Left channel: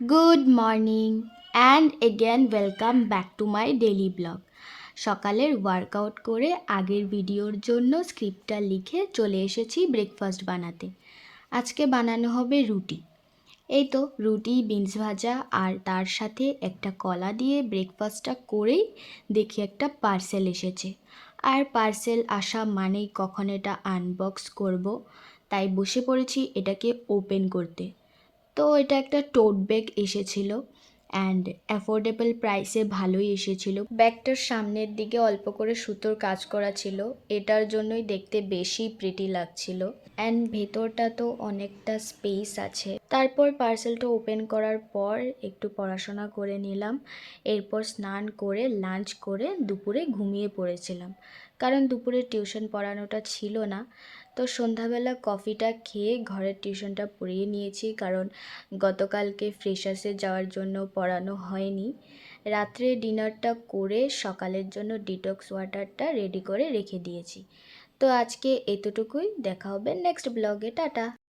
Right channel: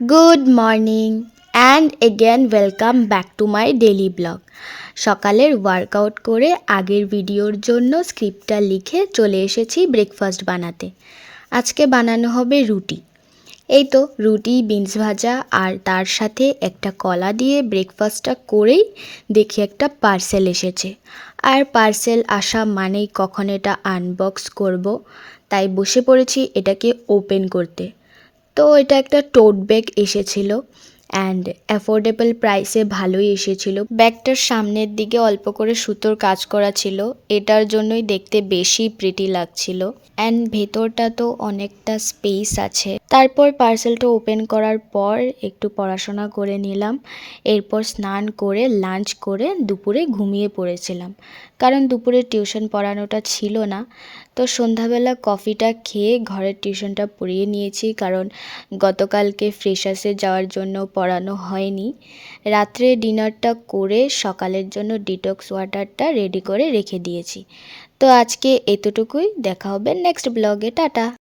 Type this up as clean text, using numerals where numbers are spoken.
Good morning and again welcome back to my daily blog. সকালের workout করে আগের ভিডিওর জন্য স্ক্রিপ্টটা লিখে চলে এসেছি ব্রেকফাস্ট বানাতে। আজকে বানানো হবে রুটি। এই তো রুটি, বিনস ভাজা আর তার সাথে একটা কলা দিয়ে ব্রেকফাস্টটা করেই দেখি একটা পার্সেল এসেছে। আর পার্সেল আসা মানেই কখন এটা আনবক্স করব, তাই বসে পড়েছি এটাকে ওপেন করতে। তো এটা একটা টোট ব্যাগ এসেছিলো অ্যান্ড অ্যাফোর্ডেবল প্রাইসে ভালোই এসেছিলো। ব্যাগটার সামনের দিকে অল্প করে সুতোর কাজ করা ছিল, এটার জন্যই দেখতে বেশি প্রিটি লাগছিল। অ্যান্ড ভেতরটা তো অনেকটা স্পেস আছে। তারপর পার্সেলটা ওপেন করার পর একটু পড়াশোনা করে নিলাম, এরপর স্নান করে লাঞ্চ করে দুপুরে ঘুমিয়ে পড়েছিলাম, কারণ দুপুরে টিউশন পড়ানোটা ছিল না। তো সন্ধ্যাবেলা কফিটা খেয়ে ঘরের টিউশনটা পড়িয়ে নিয়েছি, কারণ গতকালকে ফ্রেশার্সে যাওয়ার জন্য পড়ানো হয়নি। রাত্রে ডিনারটা করে সকালের জন্য ডিটক্স ওয়াটারটা রেডি করে রেখে দিয়েছি। তো আজকে এতটুকুই, দেখা হবে নেক্সট ব্লগে, টাটা।